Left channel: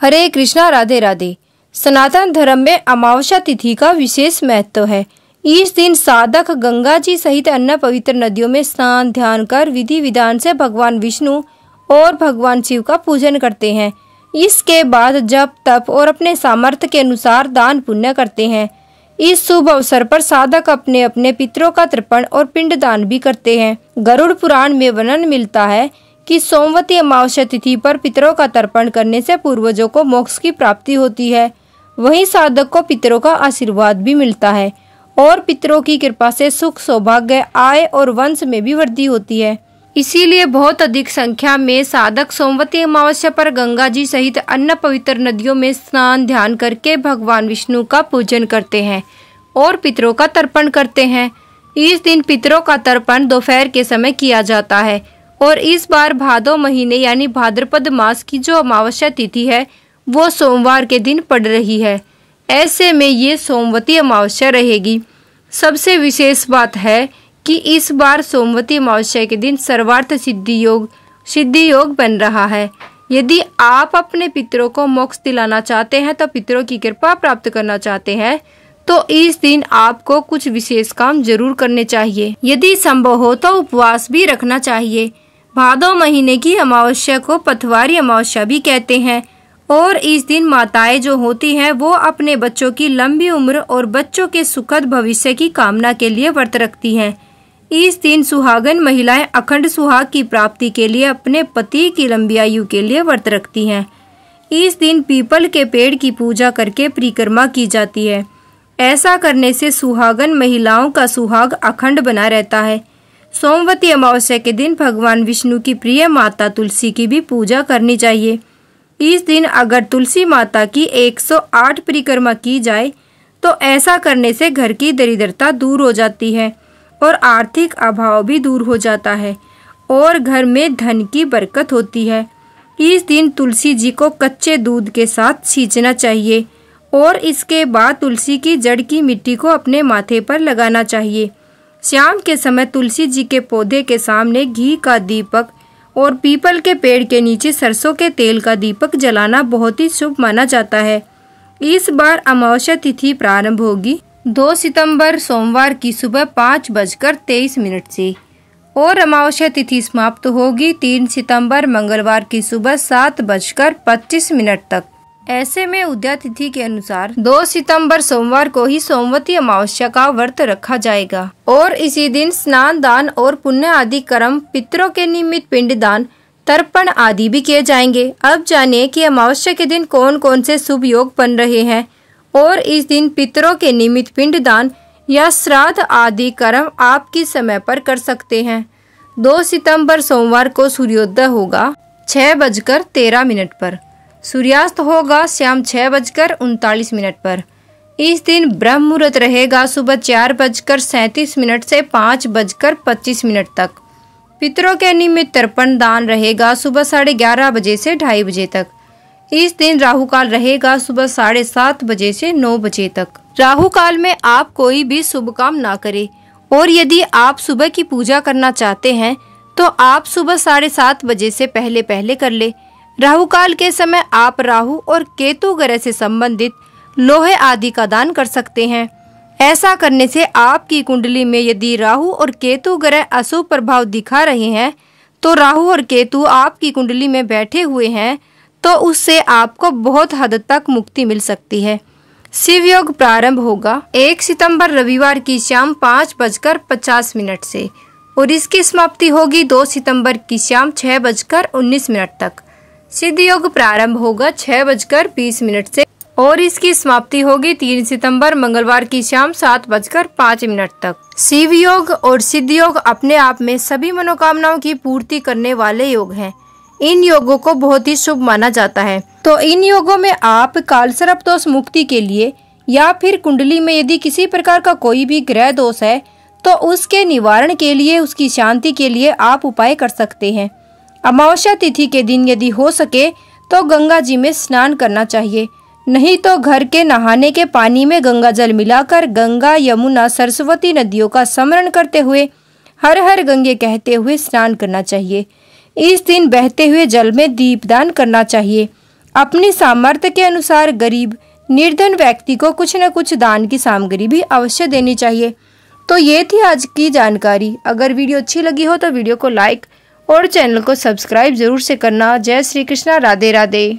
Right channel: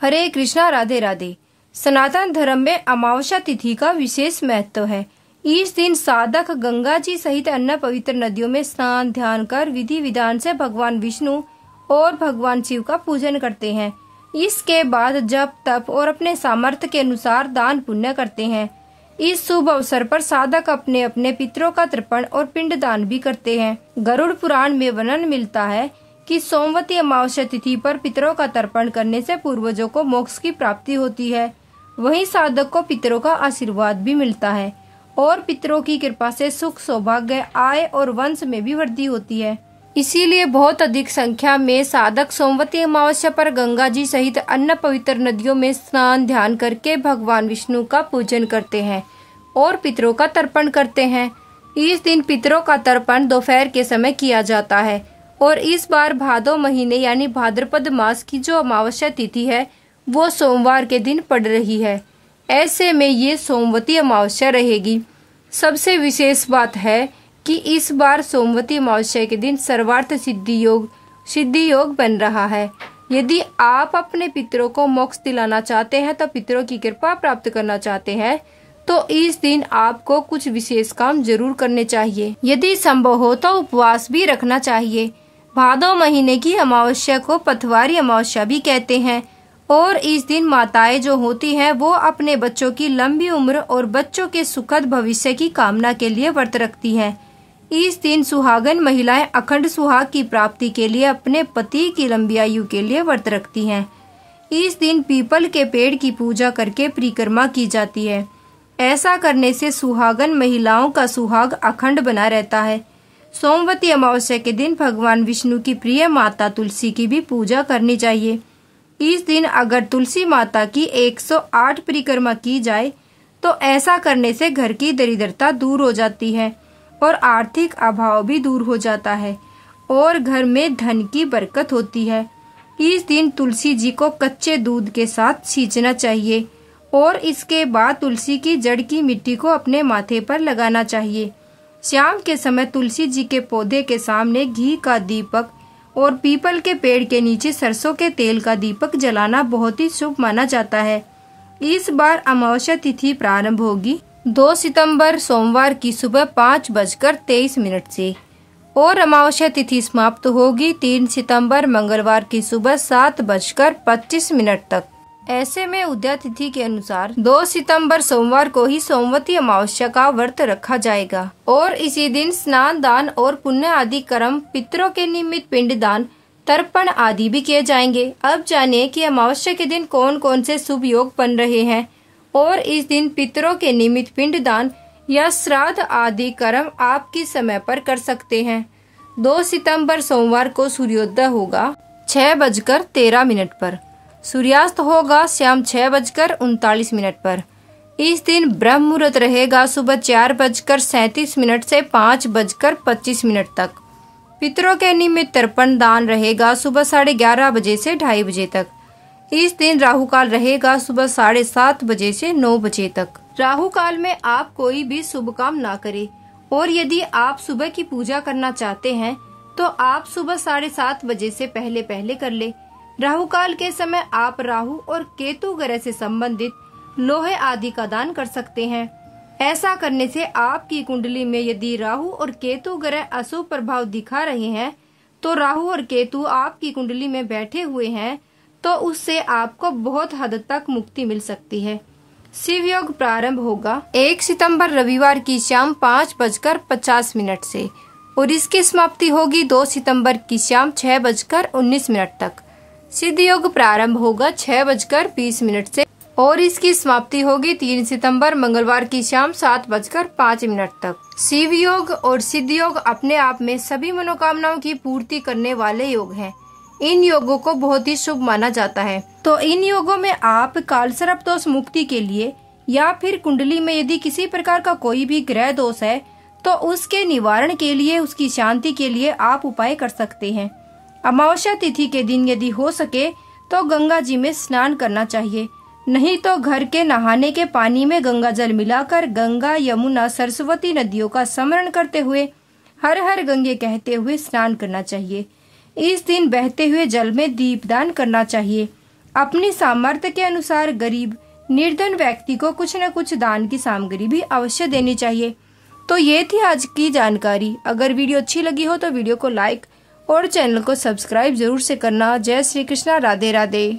हरे कृष्णा, राधे राधे। सनातन धर्म में अमावस्या तिथि का विशेष महत्व है। इस दिन साधक गंगा जी सहित अन्य पवित्र नदियों में स्नान ध्यान कर विधि विधान से भगवान विष्णु और भगवान शिव का पूजन करते हैं। इसके बाद जप तप और अपने सामर्थ्य के अनुसार दान पुण्य करते हैं। इस शुभ अवसर पर साधक अपने अपने पितरों का तर्पण और पिंड दान भी करते हैं। गरुड़ पुराण में वर्णन मिलता है कि सोमवती अमावस्या तिथि पर पितरों का तर्पण करने से पूर्वजों को मोक्ष की प्राप्ति होती है। वहीं साधक को पितरों का आशीर्वाद भी मिलता है और पितरों की कृपा से सुख सौभाग्य आय और वंश में भी वृद्धि होती है। इसीलिए बहुत अधिक संख्या में साधक सोमवती अमावस्या पर गंगा जी सहित अन्य पवित्र नदियों में स्नान ध्यान करके भगवान विष्णु का पूजन करते हैं और पितरों का तर्पण करते हैं। इस दिन पितरों का तर्पण दोपहर के समय किया जाता है और इस बार भादो महीने यानी भाद्रपद मास की जो अमावस्या तिथि है वो सोमवार के दिन पड़ रही है। ऐसे में ये सोमवती अमावस्या रहेगी। सबसे विशेष बात है कि इस बार सोमवती अमावस्या के दिन सर्वार्थ सिद्धि योग बन रहा है। यदि आप अपने पितरों को मोक्ष दिलाना चाहते हैं तो पितरों की कृपा प्राप्त करना चाहते हैं तो इस दिन आपको कुछ विशेष काम जरूर करने चाहिए। यदि संभव हो तो उपवास भी रखना चाहिए। भादो महीने की अमावस्या को पथवारी अमावस्या भी कहते हैं और इस दिन माताएं जो होती हैं वो अपने बच्चों की लंबी उम्र और बच्चों के सुखद भविष्य की कामना के लिए व्रत रखती हैं। इस दिन सुहागन महिलाएं अखंड सुहाग की प्राप्ति के लिए अपने पति की लंबी आयु के लिए व्रत रखती हैं। इस दिन पीपल के पेड़ की पूजा करके परिक्रमा की जाती है। ऐसा करने से सुहागन महिलाओं का सुहाग अखंड बना रहता है। सोमवती अमावस्या के दिन भगवान विष्णु की प्रिय माता तुलसी की भी पूजा करनी चाहिए। इस दिन अगर तुलसी माता की 108 परिक्रमा की जाए तो ऐसा करने से घर की दरिद्रता दूर हो जाती है और आर्थिक अभाव भी दूर हो जाता है और घर में धन की बरकत होती है। इस दिन तुलसी जी को कच्चे दूध के साथ सींचना चाहिए और इसके बाद तुलसी की जड़ की मिट्टी को अपने माथे पर लगाना चाहिए। शाम के समय तुलसी जी के पौधे के सामने घी का दीपक और पीपल के पेड़ के नीचे सरसों के तेल का दीपक जलाना बहुत ही शुभ माना जाता है। इस बार अमावस्या तिथि प्रारंभ होगी 2 सितंबर सोमवार की सुबह 5:23 से और अमावस्या तिथि समाप्त होगी 3 सितंबर मंगलवार की सुबह 7:25 तक। ऐसे में उदया तिथि के अनुसार 2 सितंबर सोमवार को ही सोमवती अमावस्या का व्रत रखा जाएगा और इसी दिन स्नान दान और पुण्य आदि कर्म, पितरों के निमित्त पिंड दान, तर्पण आदि भी किए जाएंगे। अब जानिए कि अमावस्या के दिन कौन कौन से शुभ योग बन रहे हैं और इस दिन पितरों के निमित्त पिंड दान या श्राद्ध आदि कर्म आप किस समय पर कर सकते हैं। 2 सितंबर सोमवार को सूर्योदय होगा 6:13 पर। सूर्यास्त होगा शाम 6:39 पर। इस दिन ब्रह्म मुहूर्त रहेगा सुबह 4:37 से 5:25 तक। पितरों के निमित्त तर्पण दान रहेगा सुबह 11:30 बजे से 2:30 बजे तक। इस दिन राहु काल रहेगा सुबह 7:30 बजे से 9 बजे तक। राहु काल में आप कोई भी शुभ काम ना करें और यदि आप सुबह की पूजा करना चाहते हैं तो आप सुबह 7:30 बजे से पहले कर ले। राहु काल के समय आप राहु और केतु ग्रह से संबंधित लोहे आदि का दान कर सकते हैं। ऐसा करने से आपकी कुंडली में यदि राहु और केतु ग्रह अशुभ प्रभाव दिखा रहे हैं तो राहु और केतु आपकी कुंडली में बैठे हुए हैं तो उससे आपको बहुत हद तक मुक्ति मिल सकती है। शिव योग प्रारंभ होगा 1 सितंबर रविवार की शाम 5:50 से और इसकी समाप्ति होगी 2 सितंबर की शाम 6:19 तक। सिद्ध योग प्रारंभ होगा 6:20 से और इसकी समाप्ति होगी 3 सितंबर मंगलवार की शाम 7:05 तक। शिव योग और सिद्ध योग अपने आप में सभी मनोकामनाओं की पूर्ति करने वाले योग हैं। इन योगों को बहुत ही शुभ माना जाता है। तो इन योगों में आप कालसर्प दोष मुक्ति के लिए या फिर कुंडली में यदि किसी प्रकार का कोई भी ग्रह दोष है तो उसके निवारण के लिए, उसकी शांति के लिए आप उपाय कर सकते हैं। अमावस्या तिथि के दिन यदि हो सके तो गंगा जी में स्नान करना चाहिए, नहीं तो घर के नहाने के पानी में गंगा जल मिलाकर गंगा यमुना सरस्वती नदियों का स्मरण करते हुए हर हर गंगे कहते हुए स्नान करना चाहिए। इस दिन बहते हुए जल में दीपदान करना चाहिए। अपने सामर्थ्य के अनुसार गरीब निर्धन व्यक्ति को कुछ न कुछ दान की सामग्री भी अवश्य देनी चाहिए। तो ये थी आज की जानकारी। अगर वीडियो अच्छी लगी हो तो वीडियो को लाइक और चैनल को सब्सक्राइब जरूर से करना। जय श्री कृष्णा, राधे राधे।